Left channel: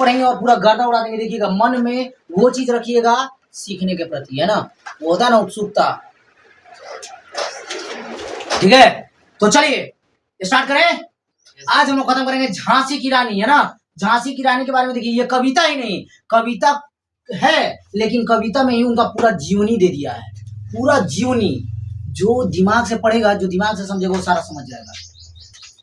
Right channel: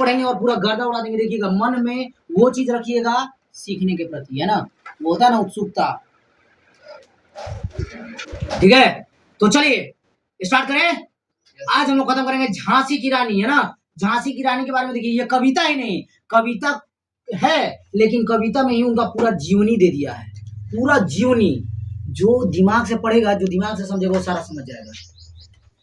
पढ़ेंगे और पूरा गर्दा उड़ा देंगे। देखिएगा, मन में वो चीज रखिएगा सीखने के प्रति, है ना, वो होता है ना उत्सुकता। ठीक है, तो चलिए स्टार्ट करें। आज हम लोग खत्म करेंगे झांसी की रानी, है ना। झांसी की रानी के बारे में देखिए, ये कविता ही नहीं, कविता है लेकिन कविता में ही उनका पूरा जीवनी दे दिया है, पूरा जीवनी। जो दिमाग से पढ़ेगा, जो दिमाग से समझेगा, वो सारा समझ जाएगा।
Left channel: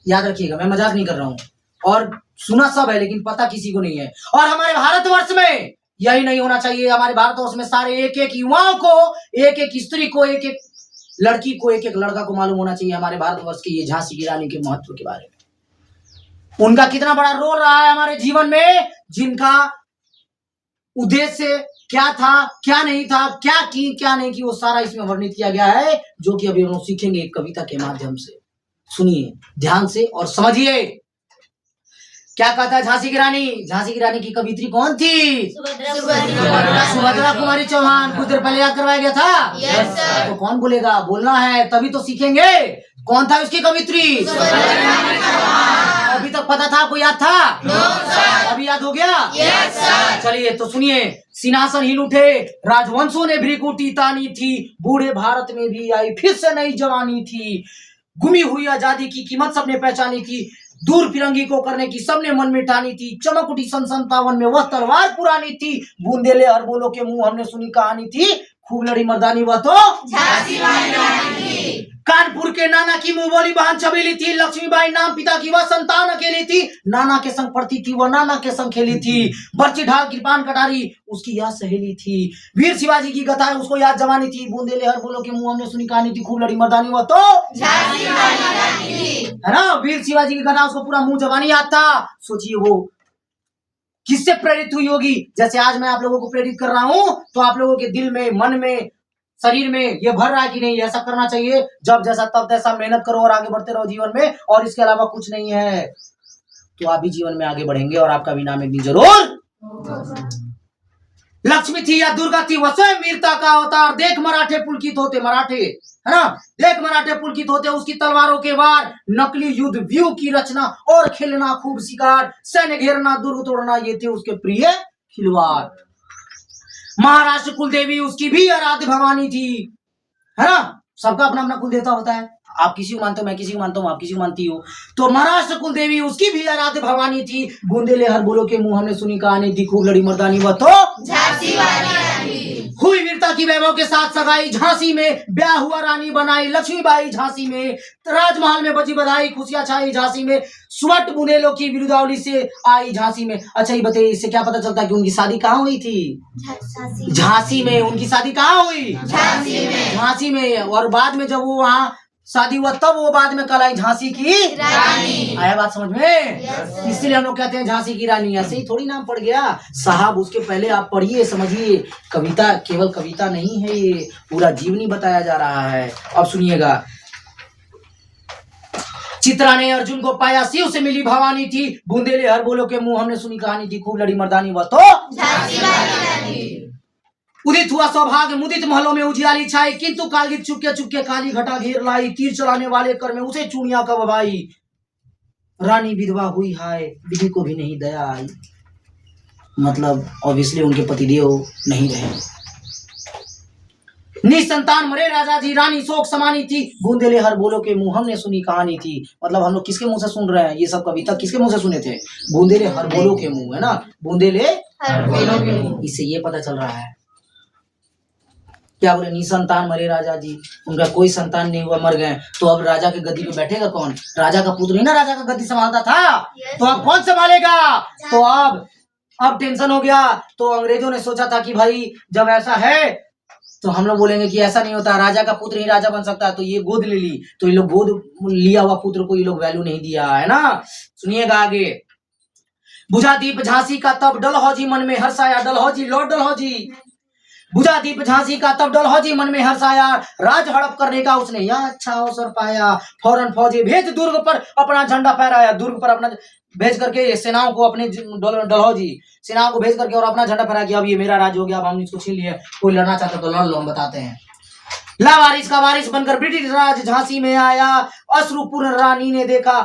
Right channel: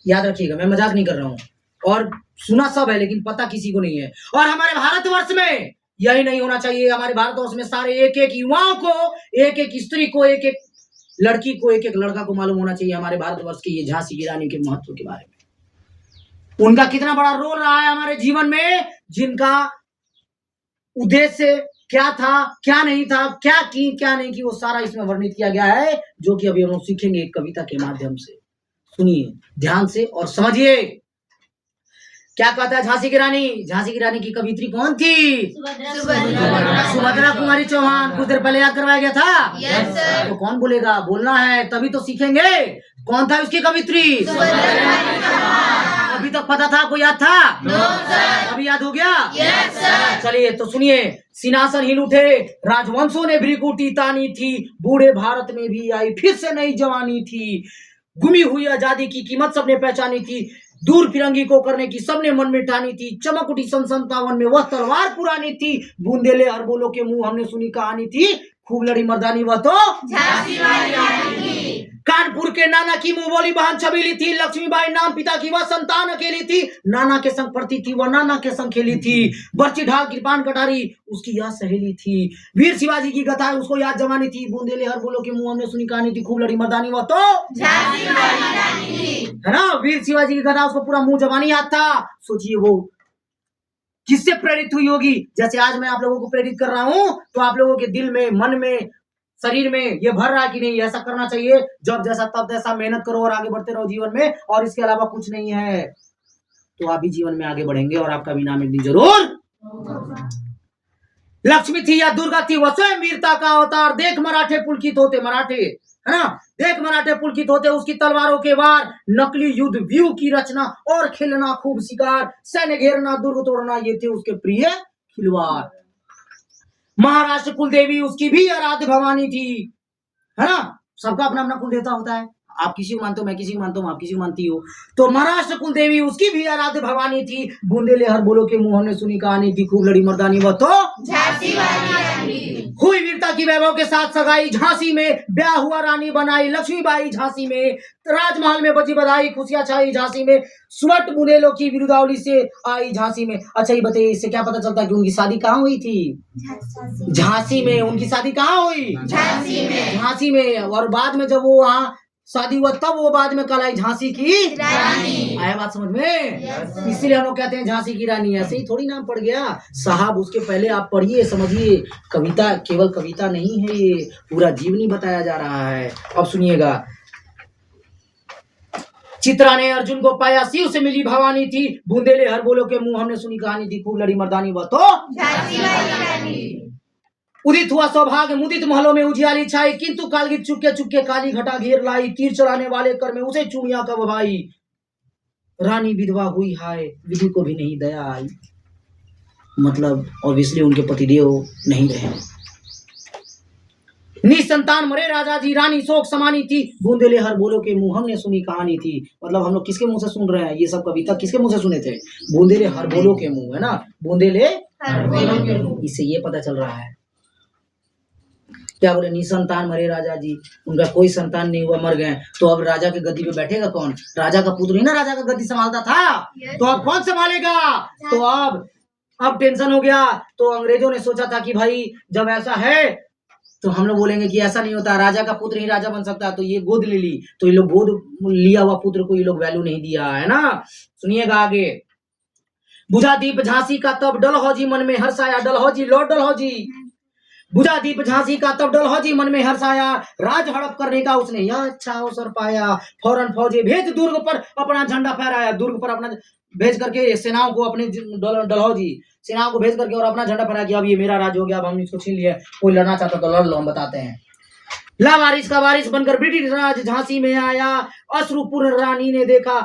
याद रखिएगा, मैं मजाक नहीं कर रहा हूँ। और सुना सब है लेकिन पता किसी को नहीं है। और हमारे भारतवर्ष में यही नहीं होना चाहिए। हमारे भारतवर्ष में सारे एक एक युवाओं को, एक एक स्त्री को, एक एक लड़की को, एक एक लड़का को मालूम होना चाहिए हमारे भारतवर्ष के ये झांसी की रानी के महत्व के बारे में। उनका कितना बड़ा रोल रहा है हमारे जीवन में, जिनका उद्देश्य क्या था, क्या नहीं था, क्या की क्या नहीं की, वो सारा इसमें वर्णित किया गया है, जो कि अभी हम लोग सीखेंगे एक कविता के माध्यम से। सुनिए ध्यान से और समझिए क्या कहता है झांसी की रानी। झांसी की रानी की कवित्री कौन थी? सुभद्रा कुमारी चौहान। कुछ देर पहले याद करवाया गया था। Yes sir. तो कौन बोलेगा? बोलना है, तभी तो सीखेंगे। कौन था उसकी कवित्री? अभी तक पता था? आपको याद था? No sir. अभी याद हो गया? Yes sir. चलिए तो सुनिए। सिंहासन हिल उठे, राजवंशों ने भ्रिकुटी तानी थी, बूढ़े भारत में भी आई फिर से नई जवानी थी, गुमी हुई आजादी की कीमत सबने पहचानी थी, दूर फिरंगी को करने की सबने मन में ठानी थी, चमक उठी सन 57 में वह तलवार पुरानी थी, बूंदेले अरबों के मुंह हमने सुनी कहानी थी, खूब लड़ी मर्दानी वह तो झांसी वाली रानी थी। कानपुर के नाना की मुंह बोली बहन छबीली थी, लक्ष्मीबाई नाम पिता की वह संतान अकेली थी, नाना के संग पढ़ती थी वह नाना के संग खेली थी, बर्ची ढाल कृपान कटारी उसकी याद सहेली थी, वीर शिवाजी की कथा है उसको याद जवानी थी, बूंदेले हर बोलो के मुंह हमने सुनी कहानी थी, खूब लड़ी मर्दानी वह तो झांसी वाली रानी थी। है ना। वीर शिवाजी की कथा, उसको पूरा मुंह जवानी याद था। सोचिए वो किससे प्रेरित हुई होगी? जैसे आज मैं आप लोगों को प्रेरित कर रहा हूं, तो आप लोगों के दिल में, मन में, शरीर में ये भर रहा है कि नहीं ऐसा करना चाहिए, जब जैसा तब तैसा मेहनत करो और आगे बढ़ते रहो जीवन में, और इसके अलावा कुछ नहीं है, तो आप भी जीवन में आगे बढ़ेंगे और आपका भी नाम एक दिन जरूर। लक्ष्मी थी या दुर्गा थी वह स्वयं वीरता का अवतार, देख मराठे पुलकित होते, मराठे है ना, देख मराठे पुलकित होते उसकी तलवारों के वार, नकली युद्ध व्यू की रचना और खेलना खूब शिकार, सैन्य घेरना दुर्ग तोड़ना ये थे उसके प्रिय खिलवाड़। महाराष्ट्र कुलदेवी उसकी भी आराध्य भवानी थी, है ना। सबका अपना अपना कुल देवता होता है, आप किसी को मानते हो, मैं किसी को मानता हूँ, आप किसी को मानती हो। तो महाराष्ट्र कुलदेवी उसकी भी आराध्य भवानी थी, बूंदेले हर बोलो के मुंह हमने सुनी कहानी थी, खूब लड़ी मर्दानी वह तो झांसी वाली रानी हुई वीरता की वैभव के साथ सगाई, झांसी में ब्याह हुआ रानी बनाई लक्ष्मीबाई, झांसी में राजमहल में बजी बधाई, खुशियां छाई झांसी में, स्वट बुंदेलों की विरुदावली से आई झांसी में। अच्छा ये बताइए, इससे क्या पता चलता है कि उनकी शादी कहाँ हुई थी? झांसी में। उनकी शादी कहाँ हुई? झांसी में। झांसी में। और बाद में जब वो वहाँ शादी हुआ तब वो बाद में कहलाई झांसी की रानी। आया बात समझ में? इसलिए हम लोग कहते हैं झांसी की रानी। ऐसे ही थोड़ी नाम पड़ गया साहब, उसके पहले आप पढ़िए, समझिए। कविता केवल कविता नहीं है, ये पूरा जीवनी बताया जा रहा है। अब सुनिएगा। चित्रा ने अर्जुन को पाया, शिव से मिली भवानी थी, बूंदेले हर बोलो के मुंह हमने सुनी कहानी थी, खूब लड़ी मर्दानी वह तो झांसी वाली रानी। उदित हुआ सौभाग्य मुदित महलों में उजियाली छाई, किंतु कालगित चुपके चुपके काली घटा घेर लाई, तीर चलाने वाले कर में उसे चूड़ियां कब भाई, रानी विधवा हुई हाय, विधि को भी नहीं दया आई। मतलब ऑब्वियसली उनके पतिदेव नहीं रहे। निसंतान मरे राजा जी, रानी शोक समानी थी, बूंदेले हर बोलो के मुंह हमने सुनी कहानी थी। मतलब हम लोग किसके मुंह से सुन रहे हैं? ये सब कविता किसके मुंह से सुने थे? बूंदेले हर बोलो के मुंह, है ना, बूंदेले हर बोलो के मुंह। इससे ये पता चल रहा है। क्या बोले? निसंतान मरे राजा जी, उनका कोई संतान नहीं हुआ, मर गए, तो अब राजा के गद्दी पे बैठेगा कौन? राजा का पुत्र ही ना राजा का गद्दी संभालता था, तो अब कौन संभालेगा? तो अब टेंशन हो गया। तो अंग्रेजों ने सोचा था कि भाई जब ऐसा है तो हम लोग बोलेंगे कि ऐसा नहीं होता, राजा का पुत्र ही राजा बन सकता है, तो ये गोद ले ली, तो ये लोग गोद लिया हुआ पुत्र को ये लोग वैल्यू नहीं दिया, है ना। सुनिएगा आगे। बुझा दीप झांसी का तब डलहौजी मन में हर्षाया, डलहौजी लॉर्ड डलहौजी, बुझा दीप झांसी का तब डलहौजी मन में हर्षाया, राज हड़प करने का उसने यह अच्छा अवसर पाया, फौरन फौजे भेज दुर्ग पर अपना झंडा फहराया, दुर्ग पर अपना भेज करके सेनाओं को, अपने डलहौजी सेनाओं को भेज करके और अपना झंडा फहराया कि अब ये मेरा राज हो गया, अब हम इसको छीन लिए, कोई लड़ना चाहता तो लड़ लो, हम बताते हैं। लावारिस का वारिस बनकर ब्रिटिश राज झांसी में आया, अश्रुपूर्ण रानी ने देखा,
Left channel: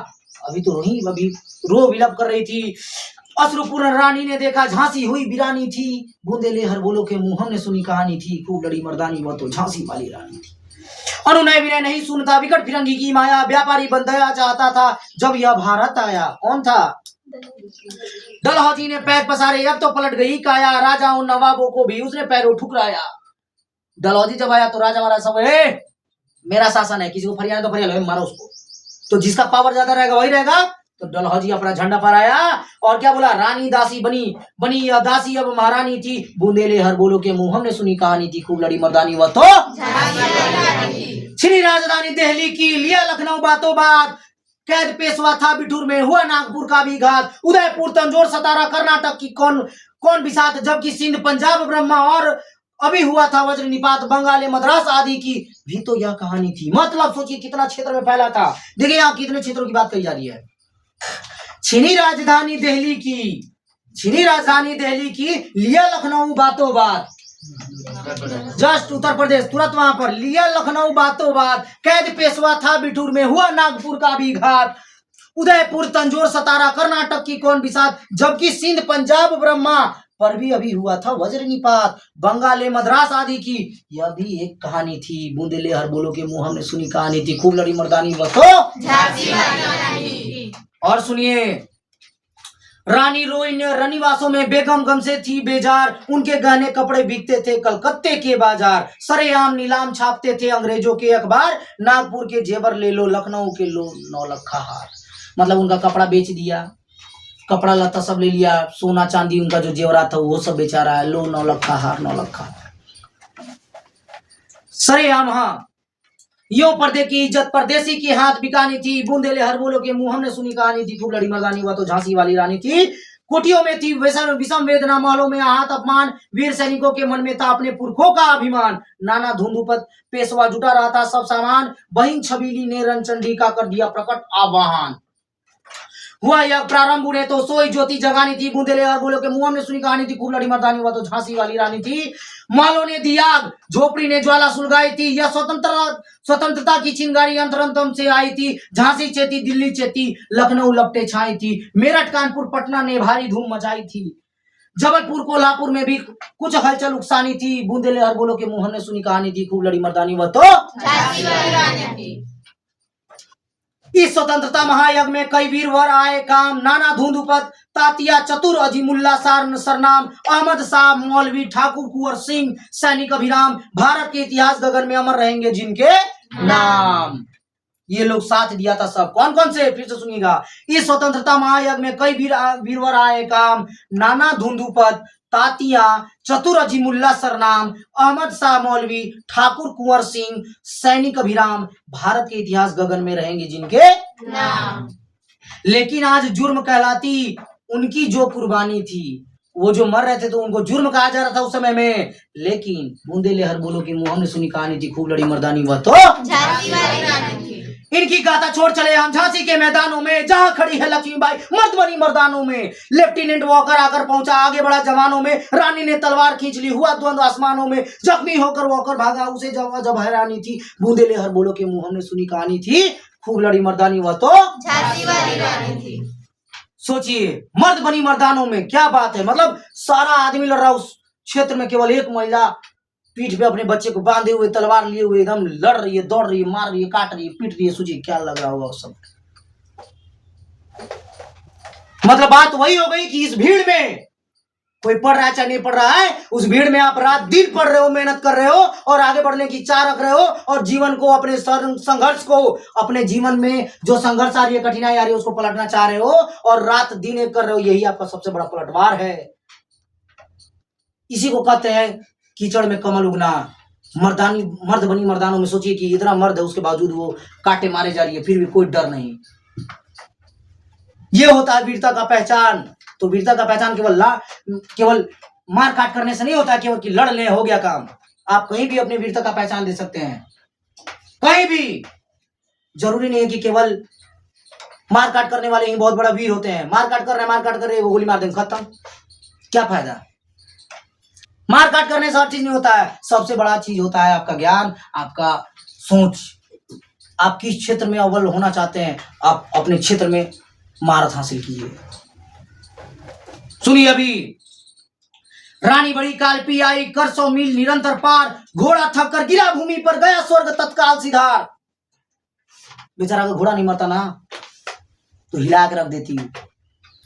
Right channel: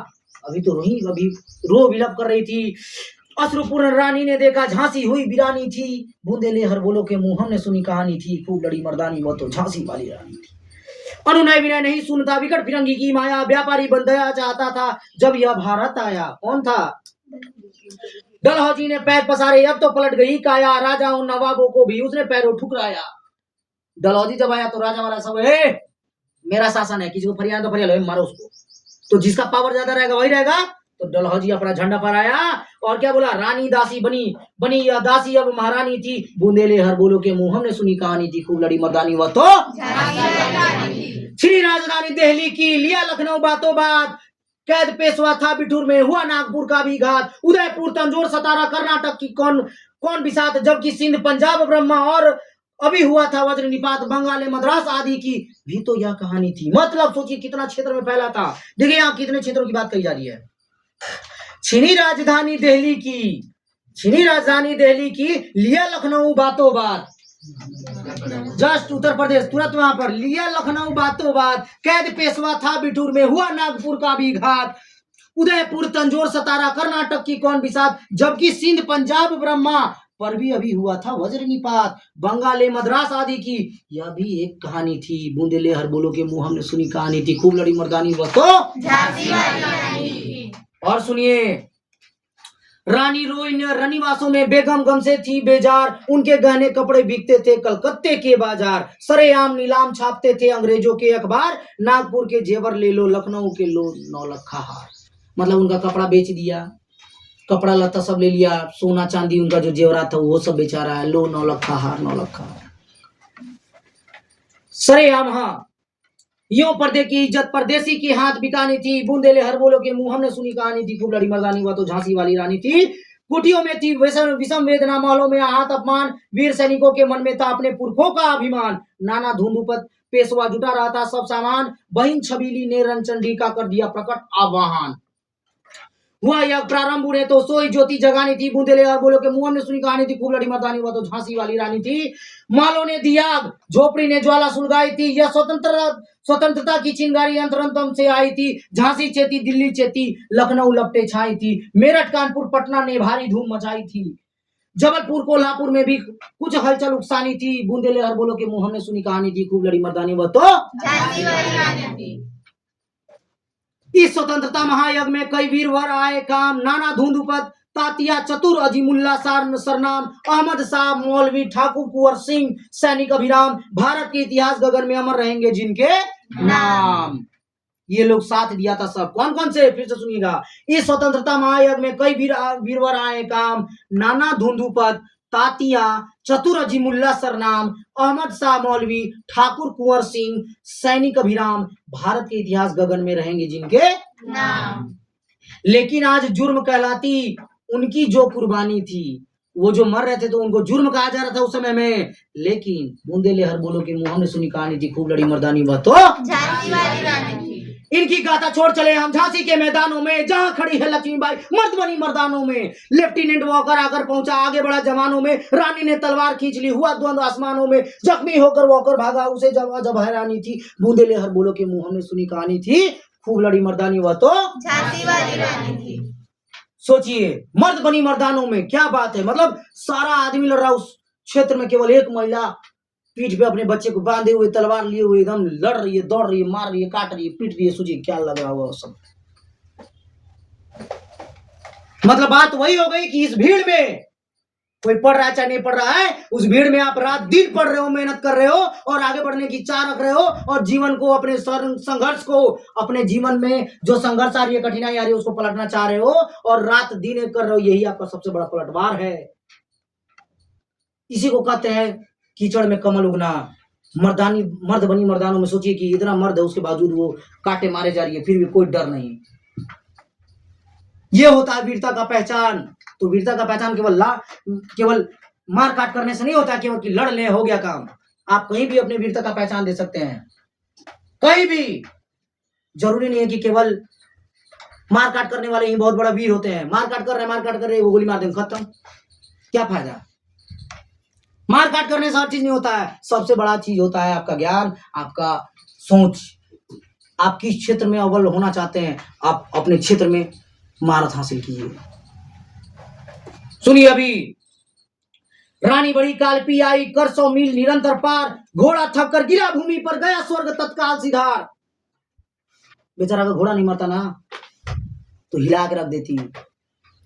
अभी तो नहीं, अभी रो विलप कर रही थी, अश्रुपूर्ण रानी ने देखा झांसी हुई वीरानी थी, बूंदेले हर बोलो के मुंह हमने सुनी कहानी थी, खूब लड़ी मर्दानी वह तो झांसी वाली रानी थी। अनुनय विनय नहीं सुनता, विकट फिरंगी की माया, व्यापारी बंधया चाहता था जब यह भारत आया। कौन था? डलहौजी ने पैर पसारे, अब तो पलट गई काया, राजा उन नवाबों को भी उसने पैरों ठुकराया। डलहौजी जब आया तो राजा महाराज सब मेरा शासन है, किसी को फरियाद तो फरियाद मारो उसको, तो जिसका पावर ज्यादा रहेगा वही रहेगा। तो डलहौजी अपना झंडा फहराया और क्या बोला, रानी दासी बनी यह दासी अब महारानी थी, बूंदेले हर बोलो के मुंह हमने सुनी कहानी थी, खूब लड़ी मर्दानी वह तो श्री राजधानी दिल्ली की, लिया लखनऊ बातों बात, कैद पेशवा था बिठूर में, हुआ नागपुर का भी घात, उदयपुर तंजौर सतारा कर्नाटक की कौन बिसात, जबकि सिंध पंजाब ब्रह्मा और अभी हुआ था वज्र निपात, बंगाल मद्रास आदि की भी तो यह कहानी थी। मतलब सोचिए कितना क्षेत्र में फैला था। देखिए यहाँ कितने क्षेत्रों की बात कही जा रही है। छीनी राजधानी दिल्ली की, लिया लखनऊ बातों बात, जस्ट उत्तर प्रदेश तुरंत वहां पर, लिया लखनऊ बातों बात, कैद पेशवा था बिठूर में, हुआ नागपुर का भी घात, उदयपुर तंजौर सतारा कर्नाटक की कौन बिसात, जबकि सिंध पंजाब ब्रह्मा पर भी अभी हुआ था वज्र निपात, बंगाल मद्रास आदि की यह भी एक कहानी थी, बूंदेले हर बोलो के मुंह हमने सुनी कहानी थी, खूब लड़ी मर्दानी वह तो झांसी वाली रानी थी। और सुनिए, रानी रोई ने रनिवासों में बेगम गम से थी बेजार, उनके गहने कपड़े बिकते थे कलकत्ते के बाजार, सरेआम नीलाम छापते थे अंग्रेजों के अखबार, नागपुर के जेवर ले लो, लखनऊ के लो 9 लखा हार। मतलब उनका कपड़ा बेच दिया, कपड़ा लता सब ले लिया, सोना चांदी उनका जो जेवरात था वो सब बेचा रहा है, लो 9 लखा हार, 9 लखा सरेआम। हाँ, यो पर्दे की इज्जत परदेसी की हाथ बिकानी थी, बूंदेले हर बोलो के मुंह हमने सुनी कहानी थी, खूब लड़ी मर्दानी हुआ तो झांसी वाली रानी थी। कुटियों में थी विषम वेदना, महलों में आहत अपमान, वीर सैनिकों के मन में था अपने पुरखों का अभिमान, नाना धुंधुपत पेशवा जुटा रहा था सब सामान, बहिन छबीली ने रणचंडी का कर दिया प्रकट आह्वान। हुआ यह प्रारंभ उन्हें तो सोई ज्योति जगानी थी, बूंदेले और बोलो के मुंह में सुनी कहानी थी, खूब लड़ी मर्दानी हुआ तो झांसी वाली रानी थी। मालों ने दिया आग, झोपड़ी ने ज्वाला सुलगाई थी, यह स्वतंत्रता की चिंगारी अंतरंतम से आई थी, झांसी चेती दिल्ली चेती, लखनऊ लपटे छाई थी, मेरठ कानपुर पटना ने भारी धूम मचाई थी, जबलपुर कोल्हापुर में भी कुछ हलचल उकसानी थी, बूंदेले और बोलो के मुंह में सुनी कहानी थी, खूब लड़ी मर्दानी वह तो झांसी वाली रानी थी। इस स्वतंत्रता महायज्ञ में कई वीरवर आए काम, नाना धुंधुपत तातिया चतुर अजीमुल्ला सरनाम, अहमद शाह मौलवी ठाकुर कुंवर सिंह सैनिक अभिराम, भारत के इतिहास गगन में अमर रहेंगे जिनके नाम। ये लोग साथ दिया था सब। कौन कौन से, फिर से सुनिएगा। इस स्वतंत्रता महायज्ञ में कई वीरवर आए काम, नाना धुंधुपत तातिया चतुर अजीमुल्ला सरनाम, अहमद शाह मौलवी ठाकुर कुंवर सिंह सैनिक अभिराम, भारत के इतिहास गगन में रहेंगे जिनके नाम। लेकिन आज जुर्म कहलाती उनकी जो कुर्बानी थी, वो जो मर रहे थे तो उनको जुर्म कहा जा रहा था उस समय में, लेकिन बूंदेले हर बोलो के मुंह हमने सुनी कहानी थी, खूब लड़ी मर्दानी वह तो झांसी वाली रानी थी। इनकी गाथा छोड़ चले हम झांसी के मैदानों में, जहां खड़ी है लक्ष्मीबाई मर्द बनी मर्दानों में, लेफ्टिनेंट वॉकर आकर पहुंचा आगे बढ़ा जवानों में, रानी ने तलवार खींच ली, हुआ द्वंद्व आसमानों में, जख्मी होकर वॉकर भागा, उसे जब हैरानी थी, बूंदेले हर बोलो के मुंह हमने सुनी कहानी थी, खूब लड़ी मर्दानी वह तो झांसी वाली रानी थी। सोचिए, मर्द बनी मर्दानों में, क्या बात है। मतलब सारा आदमी लड़ रहा, उस क्षेत्र में केवल एक महिला पीठ पे अपने बच्चे को बांधे हुए तलवार लिए हुए एकदम लड़ रही है, दौड़ रही है, मार रही है, काट रही है, पीट रही है। सोचिए क्या लग रहा होगा सब। मतलब बात वही हो गई कि इस भीड़ में कोई पढ़ रहा है चाहे नहीं पढ़ रहा है, उस भीड़ में आप रात दिन पढ़ रहे हो, मेहनत कर रहे हो और आगे बढ़ने की इच्छा रख रहे हो, और जीवन को, अपने संघर्ष को, अपने जीवन में जो संघर्ष आ रही है, कठिनाई आ रही है, उसको पलटना चाह रहे हो और रात दिन एक कर रहे हो। यही आपका सबसे बड़ा पलटवार है। इसी को कहते हैं कीचड़ में कमल उगना। मर्द बनी मर्दानों में सोचिए कि इतना मर्द है, उसके बावजूद वो काटे मारे जा रही है, फिर भी कोई डर नहीं। ये होता है वीरता का पहचान। तो वीरता का पहचान केवल मार काट करने से नहीं होता, केवल कि लड़ ले हो गया काम। आप कहीं भी अपनी वीरता का पहचान दे सकते हैं, कहीं भी। जरूरी नहीं है कि केवल मार काट करने वाले ही बहुत बड़ा वीर होते हैं। मार काट कर रहे वो गोली मार देंगे, खत्म, क्या फायदा। मार काट करने से हर चीज नहीं होता है। सबसे बड़ा चीज होता है आपका ज्ञान, आपका सोच। आप किस क्षेत्र में अव्वल होना चाहते हैं, आप अपने क्षेत्र में महारत हासिल कीजिए। सुनिए अभी। रानी बड़ी कालपी आई, कर 100 मील निरंतर पार, घोड़ा थक कर गिरा भूमि पर, गया स्वर्ग तत्काल सिधार। बेचारा का घोड़ा नहीं मरता ना तो हिला के रख देती,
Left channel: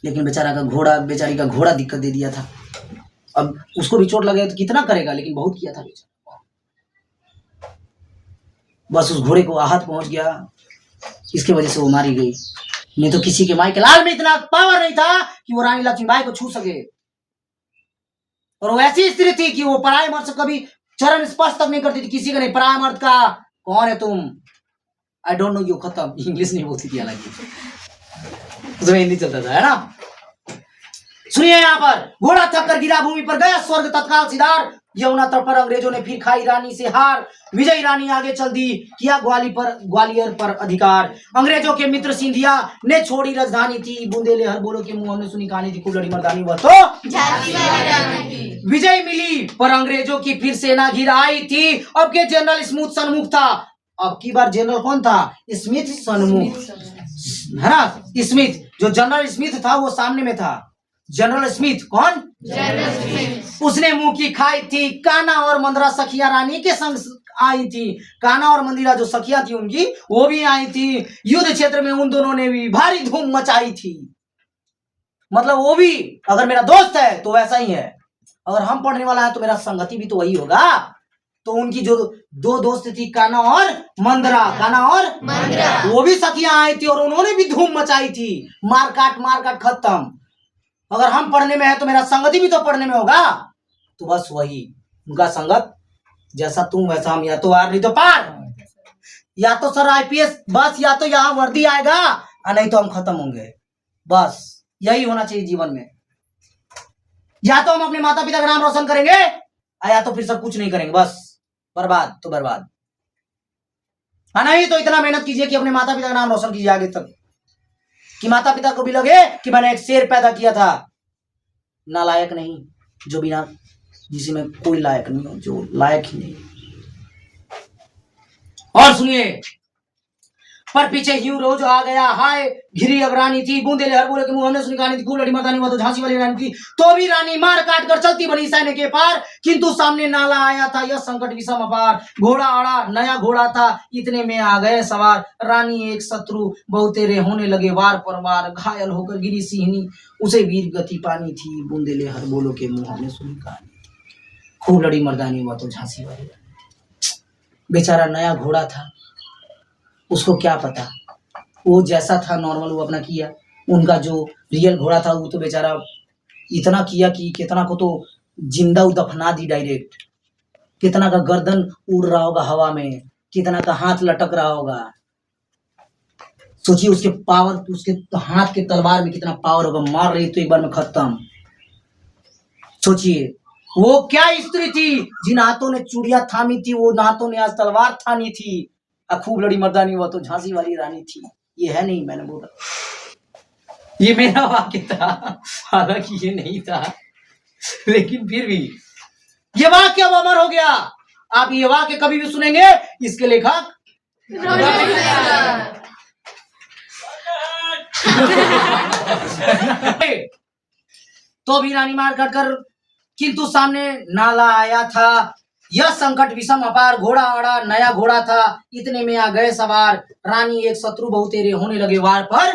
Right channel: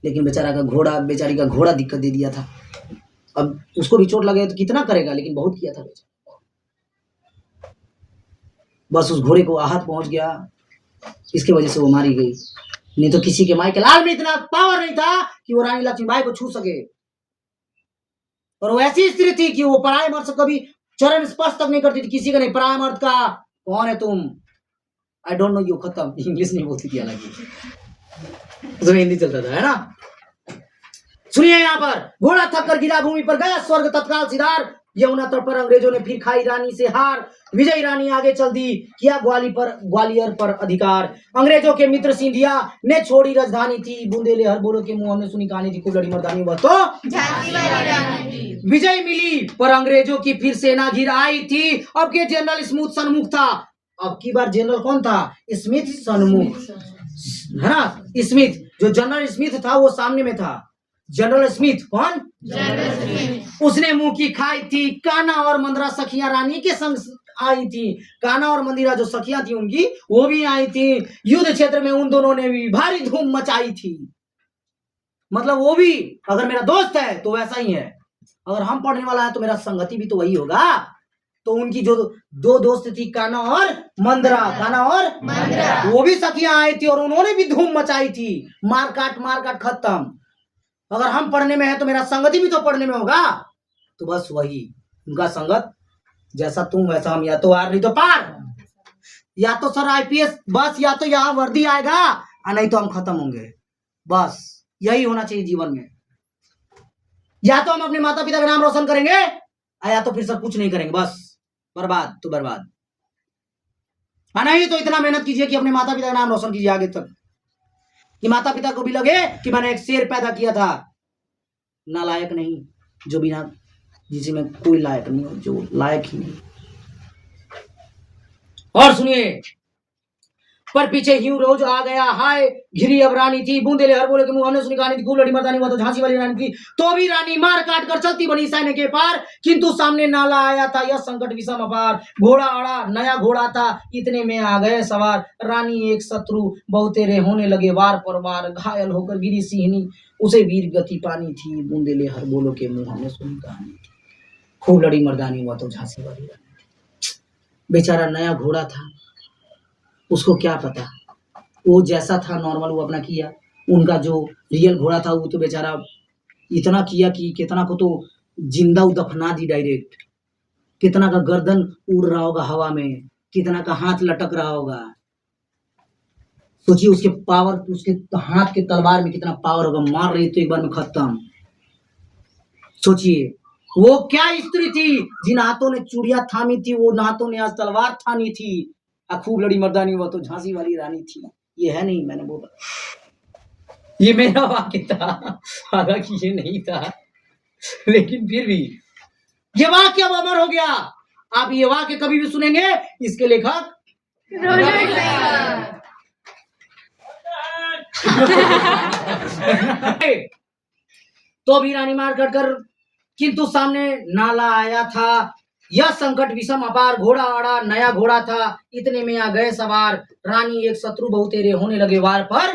लेकिन बेचारा का घोड़ा, बेचारी का घोड़ा दिक्कत दे दिया था। अब उसको भी चोट लगे तो कितना करेगा, लेकिन बहुत किया था बेचारा। बस उस घोड़े को आहत पहुंच गया, इसके वजह से वो मारी गई। नहीं तो किसी के माई के लाल में इतना पावर नहीं था कि वो रानी लक्ष्मीबाई को छू सके। और वो ऐसी स्त्री थी कि वो पराये मर्द से कभी चरण स्पर्श तक नहीं करती थी, किसी का नहीं। पराये मर्द का कौन है तुम, आई डोंट नो यू, खत्म। इंग्लिश नहीं बोलती थी, हालांकि उसमें हिंदी चलता था, है ना। सुनिए यहाँ पर, घोड़ा थक कर गिरा भूमि पर, गया स्वर्ग तत्काल सिधार। यमुना तट पर अंग्रेजों ने फिर खाई रानी से हार, विजयी रानी आगे चल दी, किया ग्वालियर पर अधिकार। अंग्रेजों के मित्र सिंधिया ने छोड़ी राजधानी थी, बूंदेले हर बोलो के मुंह हमने सुनी कहानी थी, खूब लड़ी मर्दानी वह तो झांसी वाली रानी थी। विजय मिली पर अंग्रेजों की फिर सेना घिर आई थी। अब के जनरल स्मिथ सन्मुख था। अब की बार जनरल कौन था? स्मिथ सन्मुख, है ना। स्मिथ, जो जनरल स्मिथ था वो सामने में था। जनरल स्मिथ कौन? General Smith. उसने मुंह की खाई थी, कान्हा और मंदिरा सखिया रानी के संग आई थी। कान्हा और मंदिरा जो सखिया थी उनकी, वो भी आई थी। युद्ध क्षेत्र में उन दोनों ने भी भारी धूम मचाई थी। मतलब वो भी अगर मेरा दोस्त है तो वैसा ही है, अगर हम पढ़ने वाला है तो मेरा संगति भी तो वही होगा। तो उनकी जो दो दोस्त थी, कान्हा और मंदिरा, कान्हा और मंदिरा, वो भी सखियां आई थी और उन्होंने भी धूम मचाई थी। मार काट खत्म। अगर हम पढ़ने में है तो मेरा संगति भी तो पढ़ने में होगा। तो बस वही उनका संगत, जैसा तुम वैसा हम, या तो आर नहीं तो पार, या तो सर आईपीएस, बस या तो यहाँ वर्दी आएगा और नहीं तो हम खत्म होंगे। बस यही होना चाहिए जीवन में। या तो हम अपने माता पिता का नाम रोशन करेंगे या तो फिर सब कुछ नहीं करेंगे, बस बर्बाद तो बर्बाद। नहीं तो इतना मेहनत कीजिए कि अपने माता पिता का नाम रोशन कीजिए आगे तक, कि माता पिता को भी लगे कि मैंने एक शेर पैदा किया था। नालायक नहीं, जो बिना, जिसमें कोई लायक नहीं हो, जो लायक ही नहीं। और सुनिए, पर पीछे ह्यू रोज आ गया, हाय घिरी अब रानी थी, बूंदेले हर बोले के मुंह हमने सुनी कहानी थी, खूब लड़ी मर्दानी हुआ तो झांसी वाली रानी थी। तो भी रानी मार काट कर चलती बनी सैन्य के पार, किंतु सामने नाला आया था यह संकट विषम अपार। घोड़ा अड़ा नया घोड़ा था, इतने में आ गए सवार। रानी एक शत्रु बहुतेरे होने लगे वार पर वार, घायल होकर गिरी सिंहनी उसे वीर गति पानी थी, बूंदेले हर बोलो के मुंह हमने सुनी कहानी थी, खूब लड़ी मर्दानी हुआ तो झांसी वाली रानी। बेचारा नया घोड़ा था, उसको क्या पता, वो जैसा था नॉर्मल वो अपना किया। उनका जो रियल घोड़ा था वो तो बेचारा इतना किया कि कितना को तो जिंदा दफना दी डायरेक्ट, कितना का गर्दन उड़ रहा होगा हवा में, कितना का हाथ लटक रहा होगा। सोचिए उसके पावर, उसके हाथ के तलवार में कितना पावर होगा, मार रही तो एक बार में खत्म। सोचिए वो क्या स्त्री थी जिन हाथों ने चूड़ियां थामी थी, वो हाथों ने आज तलवार थामी थी, खूब लड़ी मर्दानी हुआ तो झांसी वाली रानी थी। ये है नहीं, मैंने बोला, ये मेरा वाक्य था, हालांकि ये नहीं था, लेकिन फिर भी ये वाक्य अब अमर हो गया। आप ये वाक्य कभी भी सुनेंगे, इसके लेखक तो भी रानी मार काट कर, किंतु सामने नाला आया था यह संकट विषम अपार। घोड़ा अड़ा नया घोड़ा था, इतने में आ गए सवार। रानी एक शत्रु बहुतेरे होने लगे वार पर,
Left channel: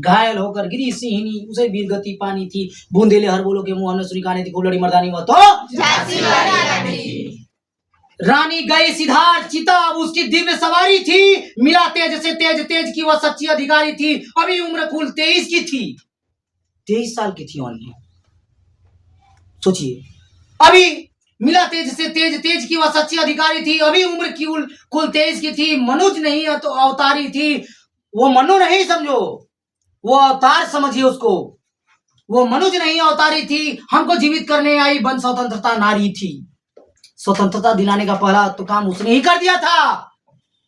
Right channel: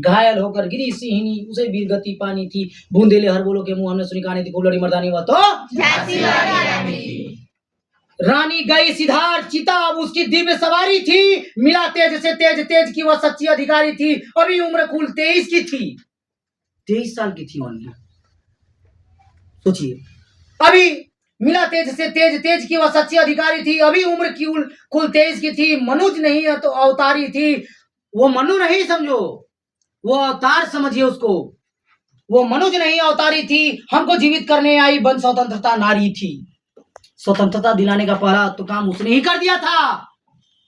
घायल होकर गिरी सिंहनी उसे वीर गति पानी थी, बूंदेले हर बोलो के मुंह हमने सुनी कहानी थी, खूब लड़ी मर्दानी हुआ तो झांसी वाली रानी थी। रानी गई सिधार चिता, अब उसकी दिव्य सवारी थी, मिला तेज से तेज, तेज की वह सच्ची अधिकारी थी। अभी उम्र कुल 23 की थी, 23 साल की थी ओनली। सोचिए, अभी मिला तेज से तेज, तेज की वह सच्ची अधिकारी थी। अभी उम्र की कुल 23 की थी, मनुज नहीं है तो अवतारी थी। वो मनु नहीं समझो, वो अवतार समझिए उसको। वो मनुज नहीं अवतारी थी, हमको जीवित करने आई बन स्वतंत्रता नारी थी। स्वतंत्रता दिलाने का पहला तो काम उसने ही कर दिया था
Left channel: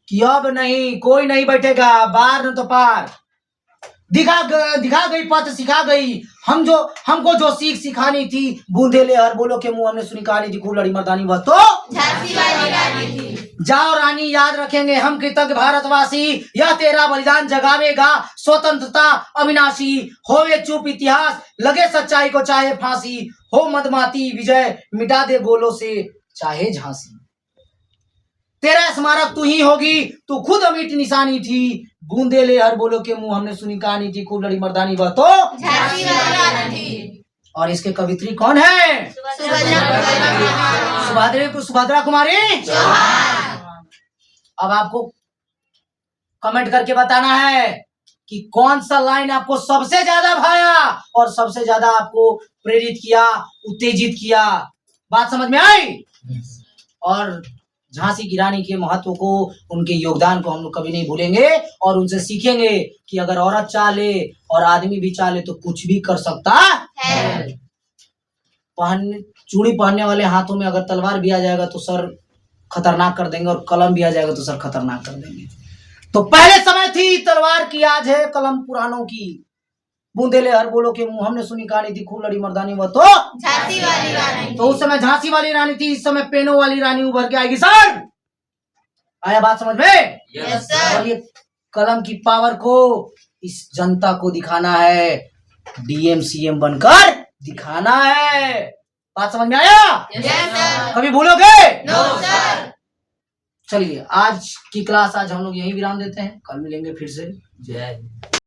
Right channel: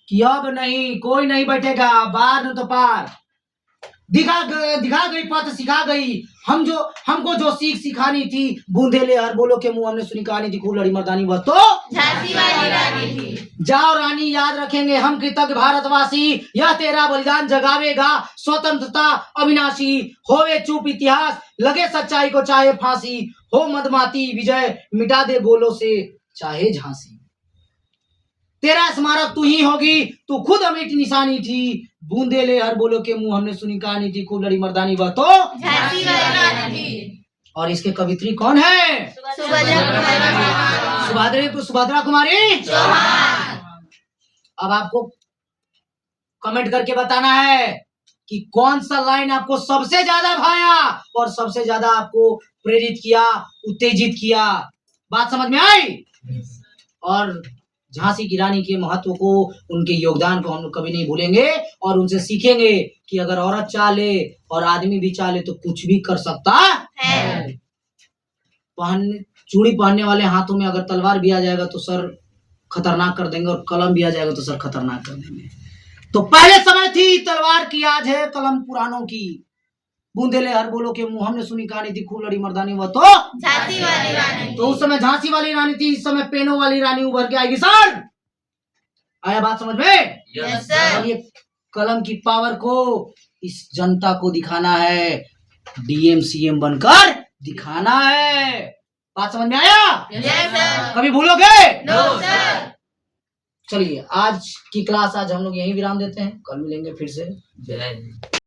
कि अब नहीं कोई नहीं बैठेगा, बार न तो पार। दिखा गई पथ सिखा गई हमको जो सीख सिखानी थी। बूंदे ले हर बोलो के मुंह हमने सुनी कहानी थी, खूब लड़ी मर्दानी वह तो झांसी वाली रानी थी। जाओ रानी याद रखेंगे हम कृतज्ञ भारतवासी, यह तेरा बलिदान जगावेगा स्वतंत्रता अविनाशी। होवे चुप इतिहास लगे सच्चाई को चाहे फांसी, हो मदमाती विजय मिटा दे गोलों से चाहे झांसी। तेरा स्मारक तू ही होगी, तू खुद अमिट निशानी थी। बूंदे ले हर बोलो के मुंह हमने सुनी कहानी थी, खूब लड़ी मर्दानी वह तो झांसी वाली रानी थी। और इसके कवित्री कौन है? सुभद्रा कुमारी चौहान। अब आपको कमेंट करके बताना है कि कौन सा लाइन आपको सबसे ज्यादा भाया और सबसे ज्यादा आपको प्रेरित किया, उत्तेजित किया। बात समझ में आई? और झांसी की रानी के महत्व को, उनके योगदान को हम लोग कभी नहीं भूलेंगे और उनसे सीखेंगे कि अगर औरत चाहे और आदमी भी चाहे तो कुछ भी कर सकता है। चूड़ी पहनने वाले हाथों में अगर तलवार भी आ जाएगा तो सर खतरनाक कर देंगे, और कलम भी आ जाएगा तो सर खतरनाक कर देंगे। तो पहले समय थी तलवार की, आज है कलम पुरानों की। बूंदेले हर बोलो के मुंह हमने सुनी कहानी थी, खूब लड़ी मर्दानी वह तो झांसी वाली रानी। तो उस समय झांसी वाली रानी थी, इस समय पेनों वाली रानी उभर के आएगी। सर आया बात समझ में? Yes sir. और ये कलम की पावर को इस जनता को दिखाना है, डीएम सीएम बनकर दिखाना है। बात समझ में आया? Yes sir. कभी भूलोगे? No sir. चलिए आज की क्लास आज हम लोग यहीं विराम देते हैं, कल मिलेंगे फिर से। जय हिंद।